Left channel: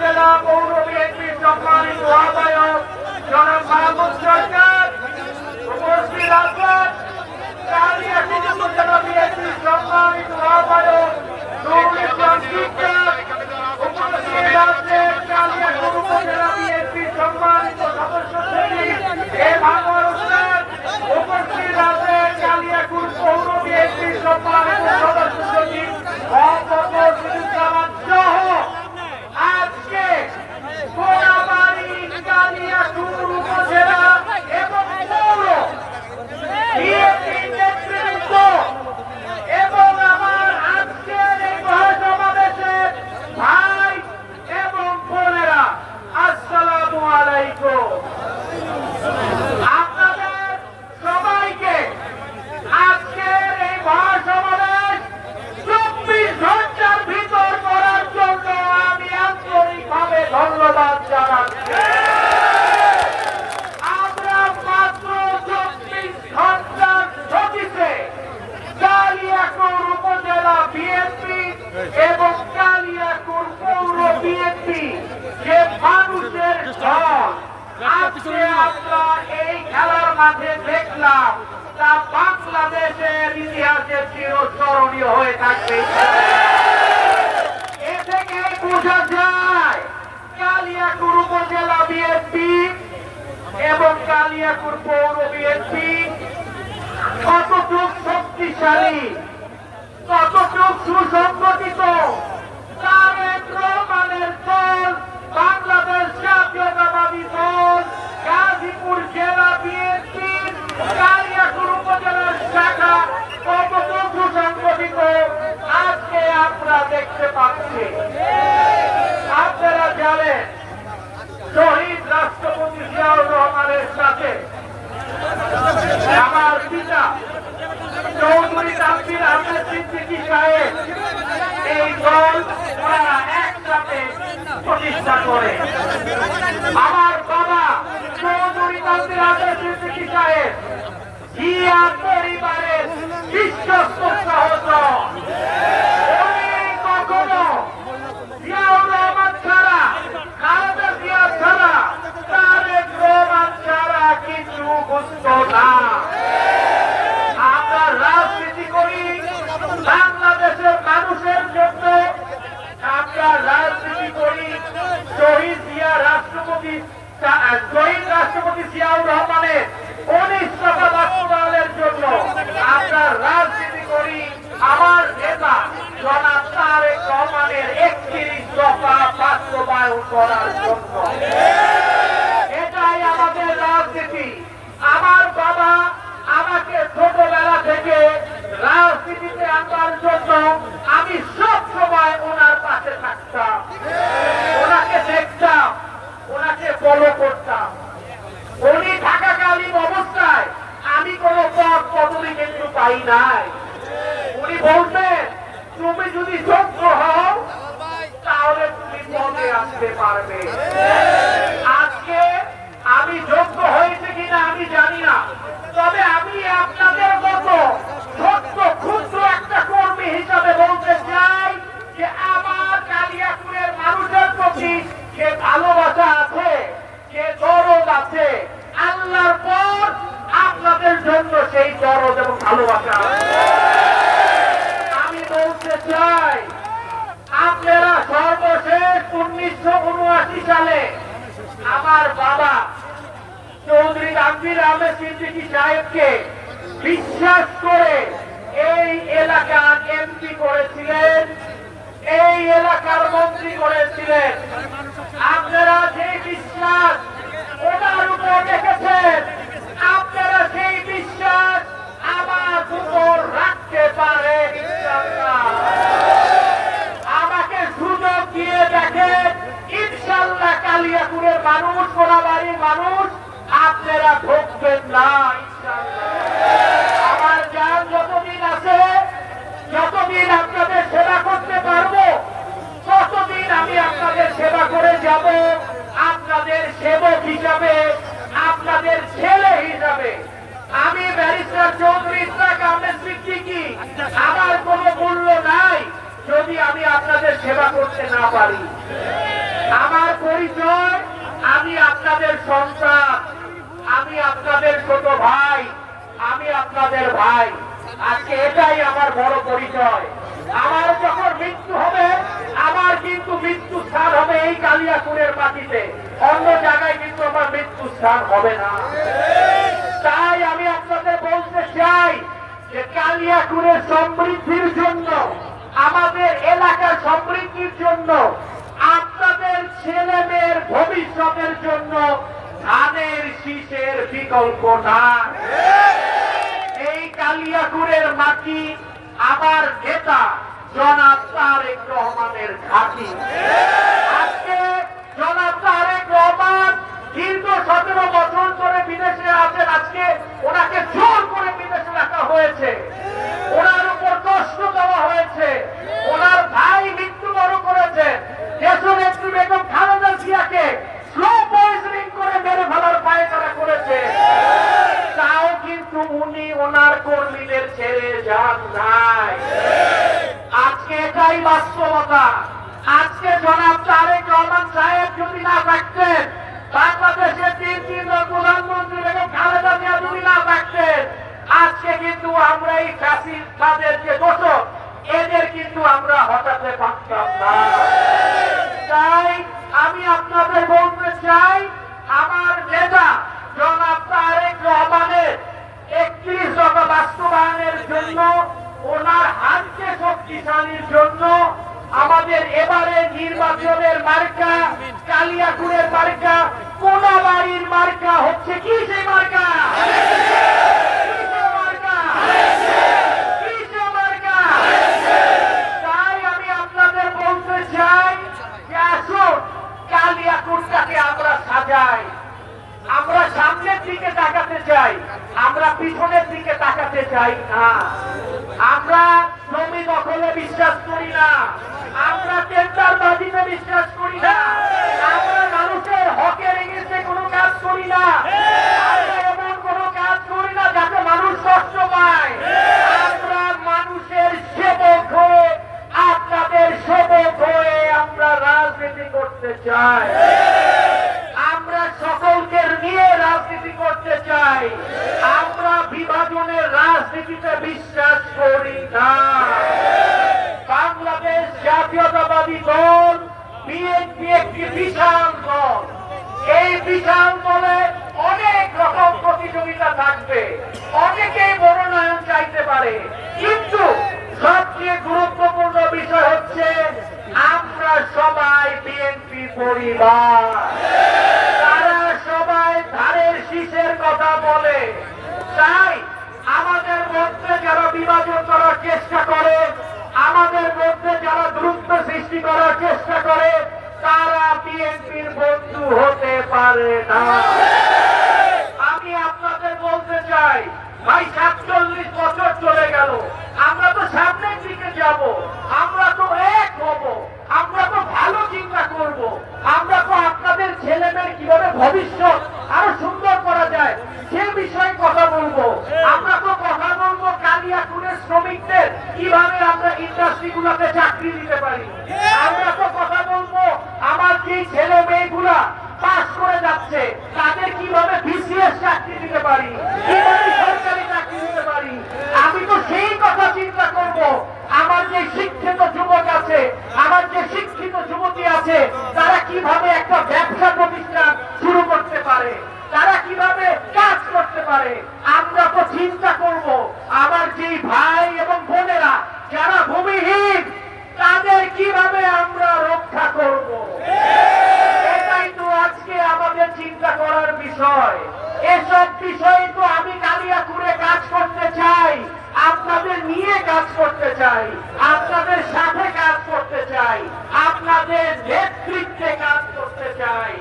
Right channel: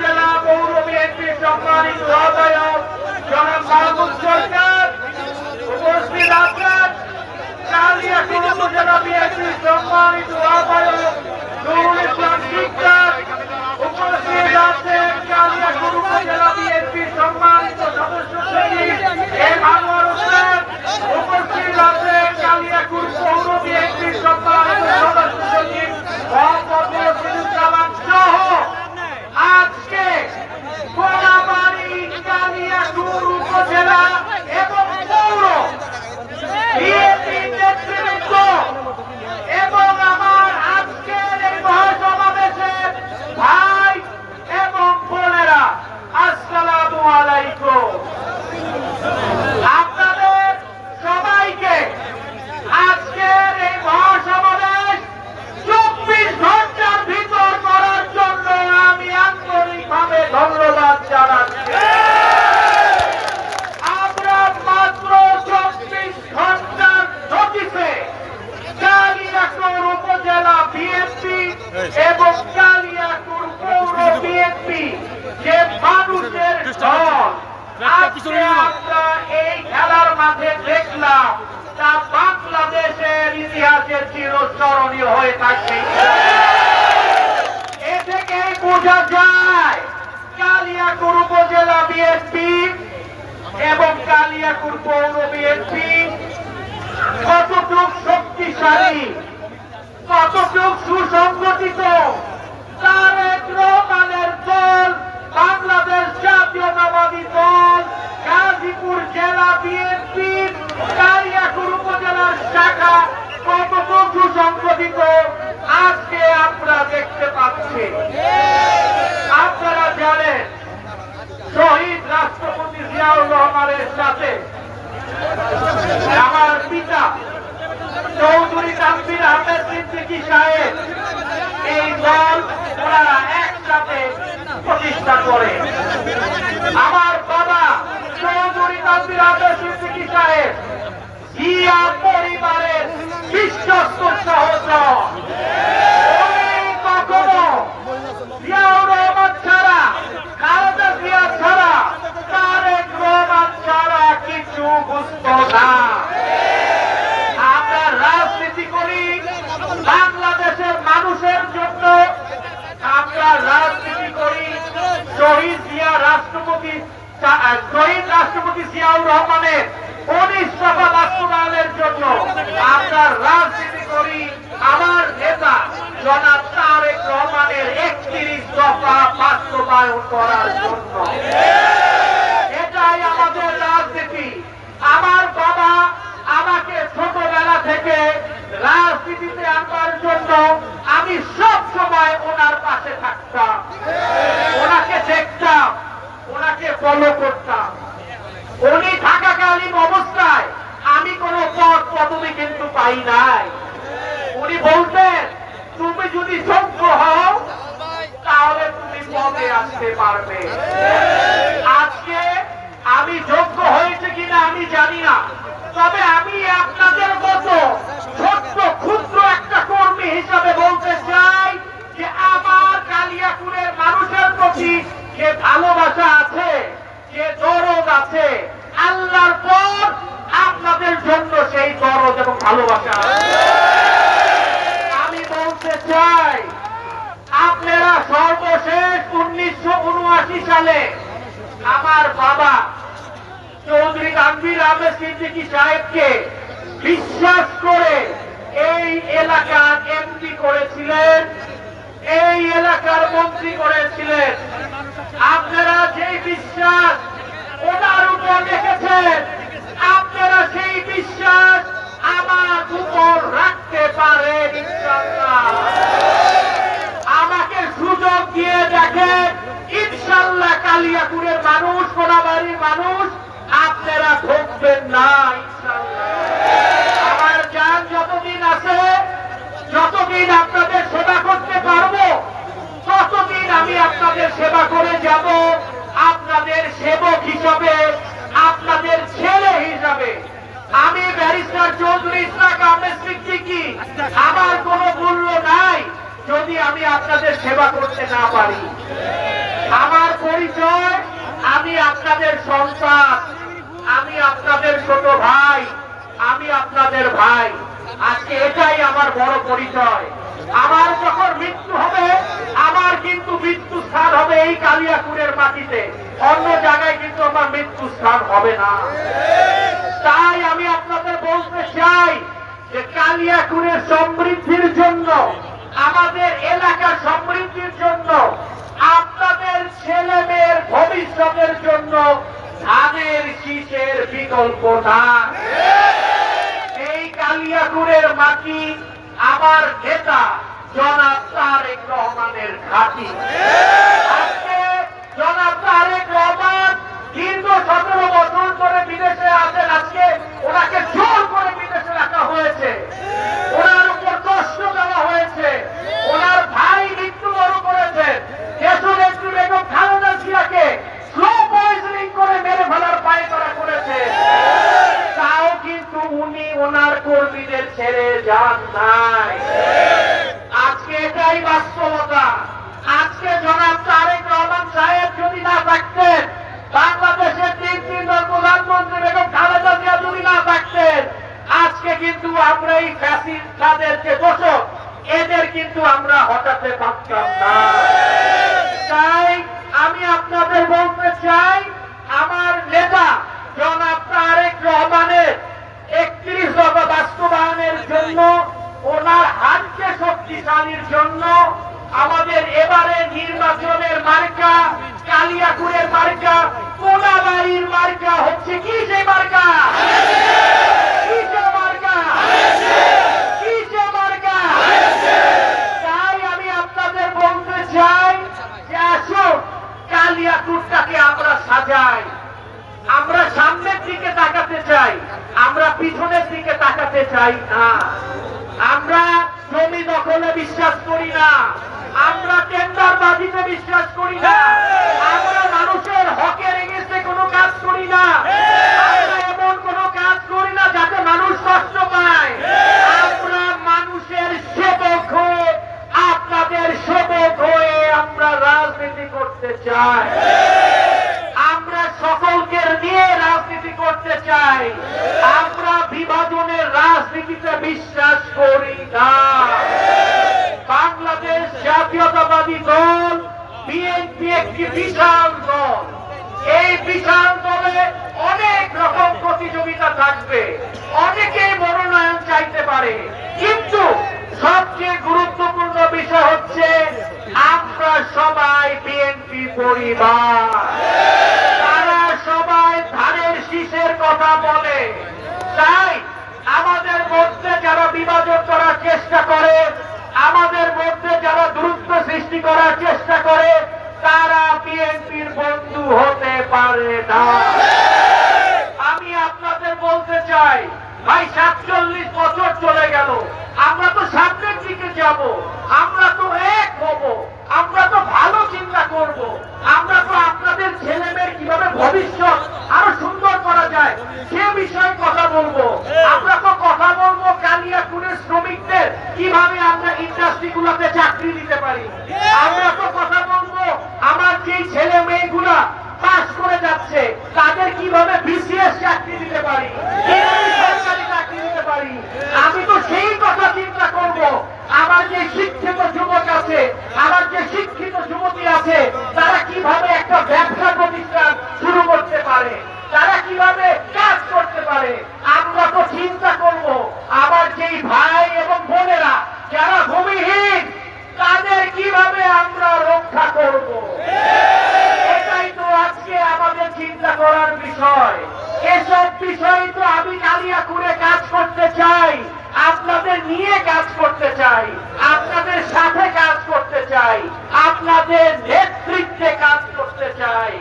উপজেলা পৌর বিএনপির সম্মানিত আহ্বায়ক জনাব মাহমুদ সরকার, উপস্থিত আছেন কালিয়াকৈর উপজেলা বিএনপির সম্মানিত আহ্বায়ক নুরুল ইসলাম শিকদার, উপস্থিত আছেন কালিয়াকৈর উপজেলা বিএনপির সম্মানিত সদস্য সচিব এম আনোয়ার হোসেন, উপস্থিত আছেন কালিয়াকৈর পৌর বিএনপির সম্মানিত সদস্য সচিব মোহাম্মদ রশিদুজ্জামান সহ আজকে কোলাবাড়ী কালিয়াকৈর উপজেলা এবং পৌর বিএনপি নেতৃত্ব এবং আমার আজকের এই মহাসমাবেশের ভাই এবং বোনেরা, আসসালামু আলাইকুম। আপনাদের সবাইকে আজকের এই মহাসমাবেশ 24 ঘন্টার ভিতর করার জন্য আমি আন্তরিকভাবে ধন্যবাদ জানাচ্ছি। আমরা মাত্র 24 ঘন্টার নোটিশে কালিয়াকৈর উপজেলা বিএনপি এবং কালিয়াকৈর পৌর বিএনপি যে মানুষের দল আজকে আমরা এই খেলার মাঠে দেখলাম, তা বাংলাদেশের ইতিহাসে চিরস্মরণীয় হয়ে থাকবে। এ থেকে বোঝা যায় কালিয়াকৈর উপজেলা বিএনপি এবং কালিয়াকৈর পৌর বিএনপি কতটুকু শক্তিশালী, কতটুকু সুসংগঠিত। তারেক রহমানের দল, বাংলাদেশ জাতীয়তাবাদী দল, গাজীপুর জেলা বিএনপি কালিয়াকৈর উপজেলার শাখা কতটুকু সুসংগঠিত আজকে আমরা দেখতে পাচ্ছি। আপনারা জানেন শহীদ রাষ্ট্রপতি জিয়াউর রহমানের সাথে আমার পিতা চৌধুরী তানভীর আহমেদ সিদ্দিকী সাহেব এই দল ওনারা একসাথে প্রতিষ্ঠা করে। আমার বাবা চৌধুরী তানভীর আহমেদ সিদ্দিকী সাহেব জিয়া পরিবারের বিশ্বস্ত সহচর। কখনো জিয়াউর রহমান ছাড়া, খালেদা জিয়া ছাড়া, তারেক রহমান ছাড়া কিছু বুঝত না। আমরা রাজনীতি করি বাংলাদেশের মানুষের জন্য, আমরা রাজনীতি করি শহীদ রাষ্ট্রপতি জিয়াউর রহমানের 19 দফা বাস্তবায়নের জন্য। আমরা রাজনীতি করি আমার নেতা জনাব তারেক রহমানের 31 দফা বাস্তবায়ন করার জন্য। এটাই আমাদের রাজনীতি। আমার বাবা আমাকে ছোটবেলা থেকে রাজনীতিতে আনবার জন্য আমি সব সময় ওনার পাশে থাকতাম, ওনাকে দেখতাম, ওনাকে ফলো করতাম। উনি থাকাকালীন অবস্থায় আমি কোনো পদ পদবি কিন্তু পাই নাই। উনি বলতেন, তুমি যদি যোগ্য হও তাহলে তুমি পদে আসতে পারবে। আজকে আমি যোগ্য হয়েছে কিনা আমি জানি না, তবে আমি আপনাদের মতো ছোট্ট ক্ষুদ্র একটা কর্মী হিসাবে বলতে চাই যে আমার কালিয়াকৈরের মানুষের প্রতি যে ভালোবাসা আছে, যে দরদ আছে, আল্লাহর পর আপনাদের জন্য সেই দরদ এবং ভালোবাসা আছে। আমি বলতে চাই, আপনারা সর্বশেষ 1979 সালে আমার বাবা চৌধুরী তানভীর আহমেদ সিদ্দিকী সাহেবকে বিশ্বাস করে এই এলাকার এমপি করেছিলেন, এই এলাকার মন্ত্রী করেছিলেন। আপনারা সেই বিশ্বাস ওনার উপর রেখেছেন, আপনারা সেই বিশ্বাস আমার উপর রাখতে পারেন ইনশাআল্লাহ। আমাকে সুযোগ দিয়ে দেখেন, ইনশাআল্লাহ কালিয়াকৈরের মানুষ, কোলাবাড়ির মানুষ আপনারা ঠকবেন না ইনশাআল্লাহ। আমার জান যতদিন আছে, যতদিন আপনাদের সেবা করতে পারবো, ততদিন আমি আপনাদের সেবা করে যাব। আপনাদের সেবক হিসাবে, আপনাদের ছেলে হিসাবে আমি ব্যারিস্টার চৌধুরী ইসরাক আহমেদ সিদ্দিকী, আমার কোনো মূল্য নাই যদি আমি আপনাদের সেবা করতে না পারি। আমার পরিচয়, আমি আপনাদের সন্তান, আমি আপনাদের ছোট ভাই, আমি আপনাদের ভাই। আজকে এটাই আমার বড় পরিচয়। আমার যখন মৃত্যু হবে, আমার কিন্তু মৃত্যু স্থান হবে এই কালিয়াকুড়ের মাটিতে, অন্য জায়গায় কিন্তু আমার মৃত্যু স্থান হবে না। তাই আমি আপনাদের বলতে চাই যে কালিয়াকুড়ের সমৃদ্ধির জন্য, আমাদের এলাকার সমৃদ্ধির জন্য, আপনাদের ছেলে মেয়ের ভবিষ্যতের জন্য ধানের শীষের বিকল্প না। এই কালিয়াকুড়ের মাটি আমার নেতা জনাব তারেক রহমানের ঘাঁটি। আজকে জনাব তারেক রহমান দীর্ঘ 17 বছর ধরে বিদেশে আছেন। আজকে ওনাকে জোর করে বিদেশে রাখা হয়েছে, ওনার উপর কষ্ট দেওয়া হয়েছে, ওনার ভাই মৃত্যুবরণ করেছেন। দেশনেত্রী বেগম খালেদা জিয়াকে স্লো পয়জনিং করে মেরে ফেলার পায়তারা করেছে। তাও কিন্তু উনি ওনার কর্মীদের ছেড়ে যান নাই। আজকে এটাই বাস্তবতা। আজকে জনাব তারেক রহমান সাহেব যদি না থাকতেন, বাংলাদেশের 3 প্রধানমন্ত্রী বেগম খালেদা জিয়া যদি না থাকতেন, আজকে কিন্তু আমরা এই ফ্যাসিস্টদের যে দোষক, এদের কিন্তু আমরা হটাতে পারতাম না। তাই আমি আপনাদের বলতে চাই, আমার নেতা জনাব তারেক রহমানের 31 দফা বাস্তবায়নের জন্য, ওনার হাতকে শক্তিশালীর জন্য আমাদের এবারে নির্বাচনের মার্কা কালিয়াকুড়ের মার্কা, কোনাবাড়ির মার্কা হচ্ছে কি? সেই মার্কা তাই আমি আপনাদের বলতে চাই যে আসুন কালিয়াকুড়টাকে আমরা সাজাই। আমরা সামনের দিকে তাকাতে চাই, আমরা পিছনের দিকে তাকাতে চাই না। আমরা জমি দখলে বিশ্বাস করি না, আমরা টেন্ডারবাজিতে বিশ্বাস করি না, আমরা মানুষের হকের এগেন্সে কোনো কাজ করি না, আমরা এমন কোনো কাজ করি না যাতে মানুষ কষ্ট পায়। আমরা মানুষের সেবক হয়ে, আপনাদের সেবক হয়ে আমরা রাজনীতি করতে চাই। আমরা সকলকে নিয়ে রাজনীতি করতে চাই। আমরা বিভাজনের রাজনীতিতে বিশ্বাস করি না। বাংলাদেশ জাতীয়তাবাদী দল বিএনপি একটি বিশাল দল। এই বিশাল দলে অনেক রকম প্রতিযোগিতা থাকবে, অনেকেই মনোনয়ন চাইতে পারে, কিন্তু সবচেয়ে গুরুত্বপূর্ণ বিষয় হচ্ছে আমরা সবাই বিএনপি পরিবার। তারা সবাই ধানের শীষের কথা বলে। তাই আমাদের মধ্যে যারা বিভাজন করার চেষ্টা করে, আমাদের মধ্যে যারা দূরত্ব সৃষ্টি করার চেষ্টা করে, তারা বিএনপির বন্ধু হতে পারে না। আমি আপনাদের বলতে চাই, ভাই 47 বছর চলে গেল, আমরা তো সামনের দিকে যাব, আমরা তো এক হব, আমরা তো ভালো চিন্তা করব, আমরা তো আপনাদের ছেলে মেয়ের কিভাবে ভবিষ্যৎ আরো সুন্দর করা যায় সে বিষয়ে কথা বলবো। আমরা তো কথা বলবো কালিয়াকুড়ের শ্রমিকদের কিভাবে আমরা ইন্ডাস্ট্রিগুলোতে চাকরি দিতে পারি। আমরা তো কথা বলবো আমার যে ছেলে মেয়েগুলা পাস করে যাচ্ছে তাদের কিভাবে বিসিএস চাকরি দিতে পারি, কিভাবে সরকারি চাকরি দিতে পারি। আমি তো সেই কথা চিন্তা করব। আমার যে শিক্ষিত যুবক আছে, আমার যে শিক্ষিত যুবতী আছে, তারা কিভাবে একটা ব্যবসা প্রতিষ্ঠান শুরু করতে পারে, তারা কিভাবে কাজ করতে পারে। আমরা তো চিন্তা করব আমার যেই ভাই এবং বোনেরা যারা ভূমিহীন, তাদের কিভাবে আমরা রক্ষা করব। এটাই তো আজকে আমাদের চিন্তা করার বিষয়। এসব বিষয় তো আমি কালিয়াকুড়ে কাজ করতে চাই, আপনাদের নিয়ে কাজ করতে চাই, আপনাদের সাথে কাজ করতে চাই, আপনাদের নেতৃত্বে কাজ করতে চাই,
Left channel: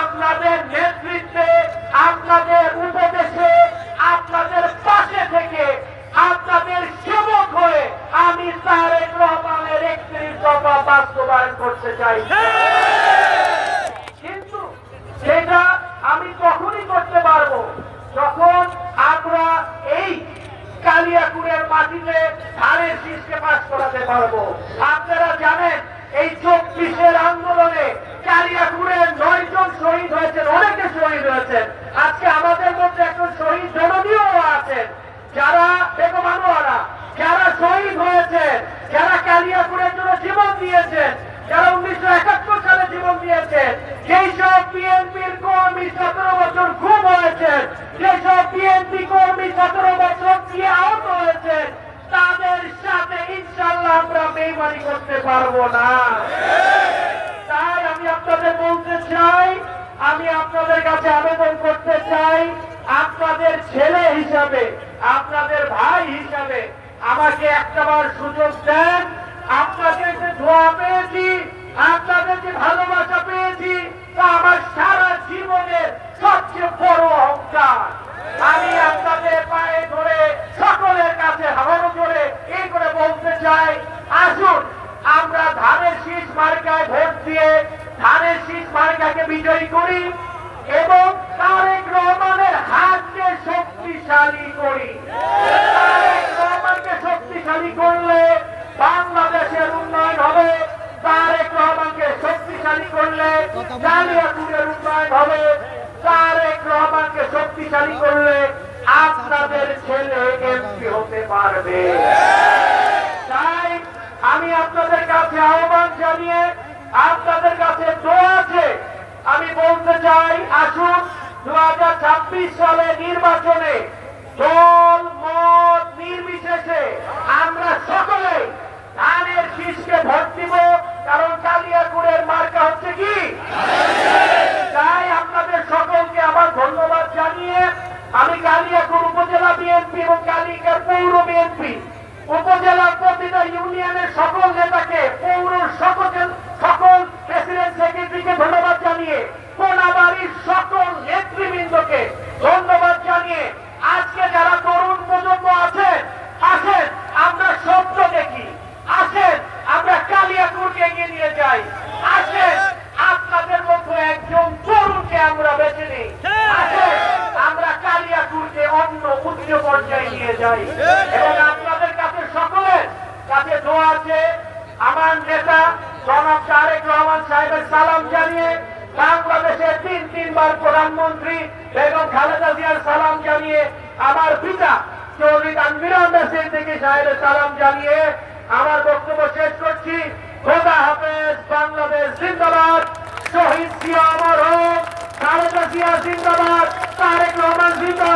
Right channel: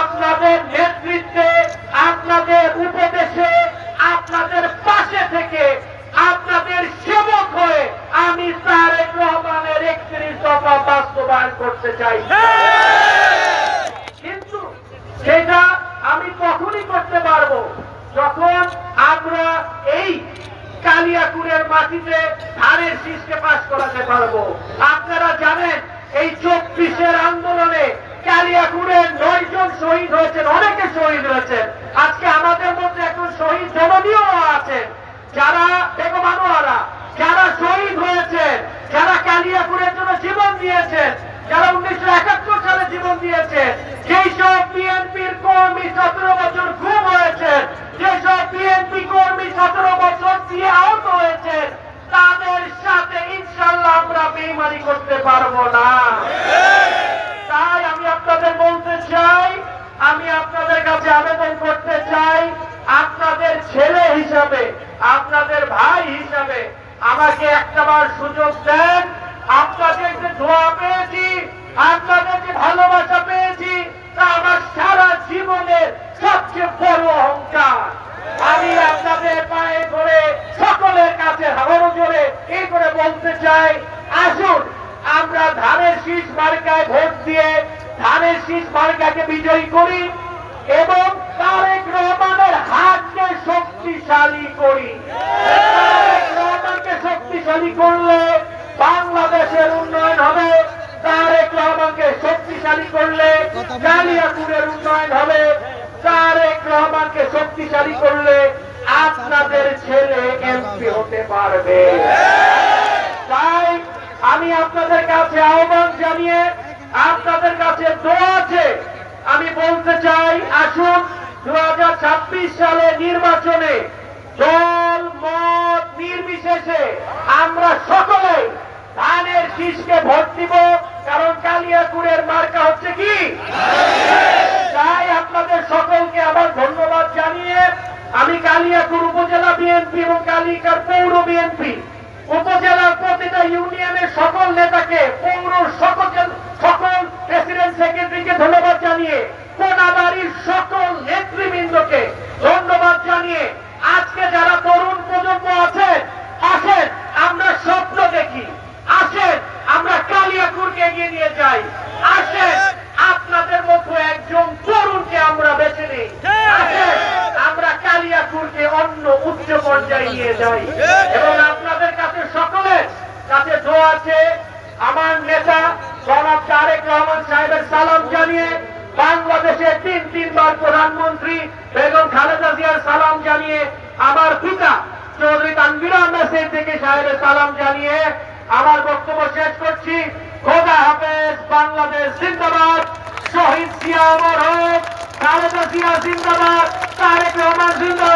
আপনাদের নেতৃত্বে, আপনাদের উপদেশে, আপনাদের পাশে থেকে, আপনাদের সেবক হয়ে আমি তারেক রহমানের 31 দফা বাস্তবায়ন করতে চাই। কিন্তু সেটা আমি তখনই করতে পারবো যখন আমরা এই কালিয়াকুড়ের মাটিতে ধানের শীষকে পাশ করাতে পারবো। আপনারা জানেন এই 24-এর আন্দোলনে কালিয়াকুড়ের 9 জন শহীদ হয়েছেন, অনেকে শহীদ হয়েছেন। আজকে আমাদের মধ্যে একজন শহীদ জননীয় আছেন, যারা বেগম আনোয়ারা, যারা শহীদ হয়েছেন, যারা কালিয়াকুড়ের জন্য জীবন দিয়েছেন, যারা 1971 সালে জীবন দিয়েছেন। যেই সব বিএনপির কর্মী 17 বছর খুন হয়েছেন, যেসব বিএনপি কর্মী 17 বছর দিয়ে আহত হয়েছেন, তাদের সাথে ইনশাআল্লাহ আমরা বেইমানি করতে পারবো না। তাই আমি আপনাদের বলতে চাই, আমি আপনাদের কাছে আবেদন করতে চাই, আপনাদের ছেলে হিসাবে, আপনাদের ভাই হিসাবে আমাকে একটাবার সুযোগ দেন। আপনাদের যে দোয়া পেয়েছি, আপনাদের যে ভালোবাসা পেয়েছি, তা আমার সারা জীবনের সবচেয়ে বড় অহংকার। আমি আপনাদের পায়ে ধরে সকলের কাছে হারানো ধরে এই করে বলতে চাই, আসুন আমরা ধানের শীষ মার্কায় ভোট দিয়ে ধানের শীষ মার্কাকে বিজয়ী করি এবং তারেক রহমানের হাতকে শক্তিশালী করি। তারেক রহমানকে শক্তিশালী করলে বাংলাদেশের উন্নয়ন হবে, তারেক রহমানকে শক্তিশালী করলে কালিয়াকুড়ের উন্নয়ন হবে, তারেক রহমানকে শক্তিশালী করলে আপনাদের ছেলে এমপি হতে পারবে। তাই আমি আপনাদের কাছে আহ্বান জানিয়ে, আপনাদের কাছে দোয়া আছে, আমি বলতে চাই, আসুন 2026 সালে নির্বাচনে দল মত নির্বিশেষে আমরা সকলে ধানের শীষকে ভোট দিব, কারণ কালিয়াকুড়ের মার্কা হচ্ছে কি। তাই আপনাদের সকলকে আমার ধন্যবাদ জানিয়ে আমি কালিয়াকুড় উপজেলা বিএনপি এবং কালিয়াকুড় পৌর বিএনপি উপজেলার প্রতিটা ইউনিয়নের সকল নেতাকে, পৌর সকল প্রেসিডেন্ট সেক্রেটারিকে ধন্যবাদ জানিয়ে, কোনাবাড়ির সকল নেতৃবৃন্দকে ধন্যবাদ জানিয়ে, আজকে যারা তরুণ প্রজন্ম আছেন, আসেন আমরা স্বপ্ন দেখি, আসেন আমরা কালিয়াকুড়কে এগিয়ে নিয়ে যাই, আসেন আপনাদের মতো একজন তরুণকে আমরা বেছে নিই, আসেন আমরা কালিয়াকুড়কে অন্য উচ্চ পর্যায়ে নিয়ে যাই। এবং আপনাদের কাছে সকলের কাছে দোয়া আছে, আমার নেতা জনাব তারেক রহমান সাহেবের সালাম জানিয়ে, বাংলাদেশের 3বার প্রধানমন্ত্রী বেগম খালেদা জিয়ার সালাম জানিয়ে, আমার পিতা চৌধুরী তানভীর আহমেদ সিদ্দিকী সাহেবের সালাম জানিয়ে আমার বক্তব্য শেষ করছি। খোদা হাফেজ। বাংলাদেশ জিন্দাবাদ। শহীদ জিয়া অমর হোক। খালেদা জিয়া জিন্দাবাদ। তারেক রহমান জিন্দাবাদ।